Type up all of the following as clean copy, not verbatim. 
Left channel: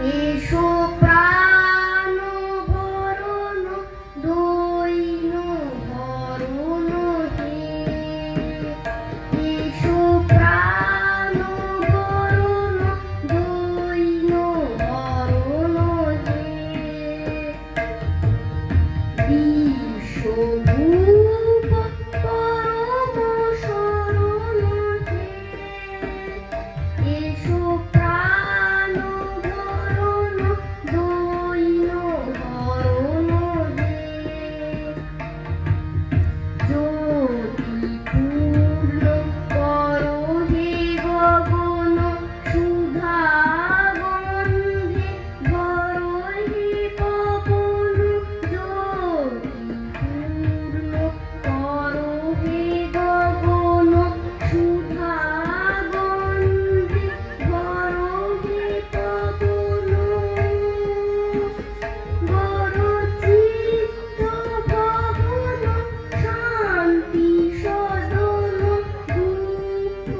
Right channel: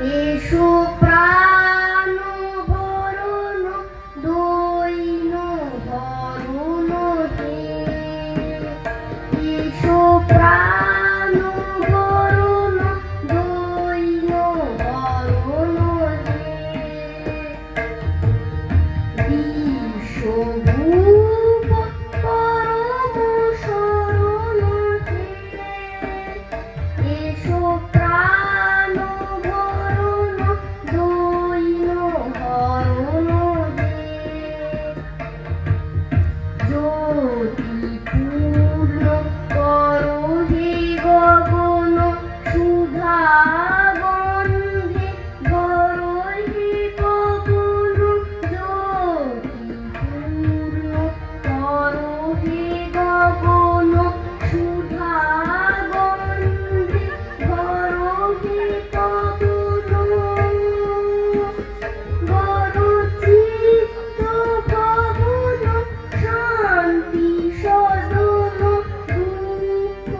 এসো প্রাণ বরণ দৈন বরণ হে, এসো প্রাণ বরণ দৈন বরণ হে, বিশ্বভূপ পরম শরণ হে, এসো প্রাণ বরণ দৈন বরণ হে, জ্যোতিপূর্ণ করো হে গগন সুধা গন্ধে ভরো হে গগন, জ্যোতিপূর্ণ করো হে গগন সুধা গন্ধে ভরো হে গগন, গরচিত্ত ভবন শান্তি সদন দুঃখ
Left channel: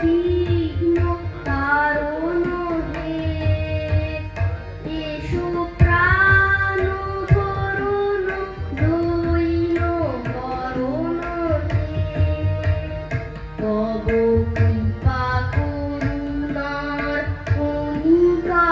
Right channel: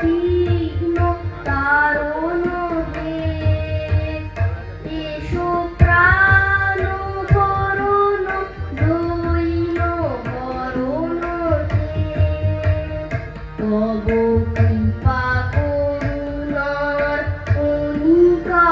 বিঘ্ন তারণ হে, এসো প্রাণ বরণ দৈন বরণ হে, তব কৃপা করুণার কণিকা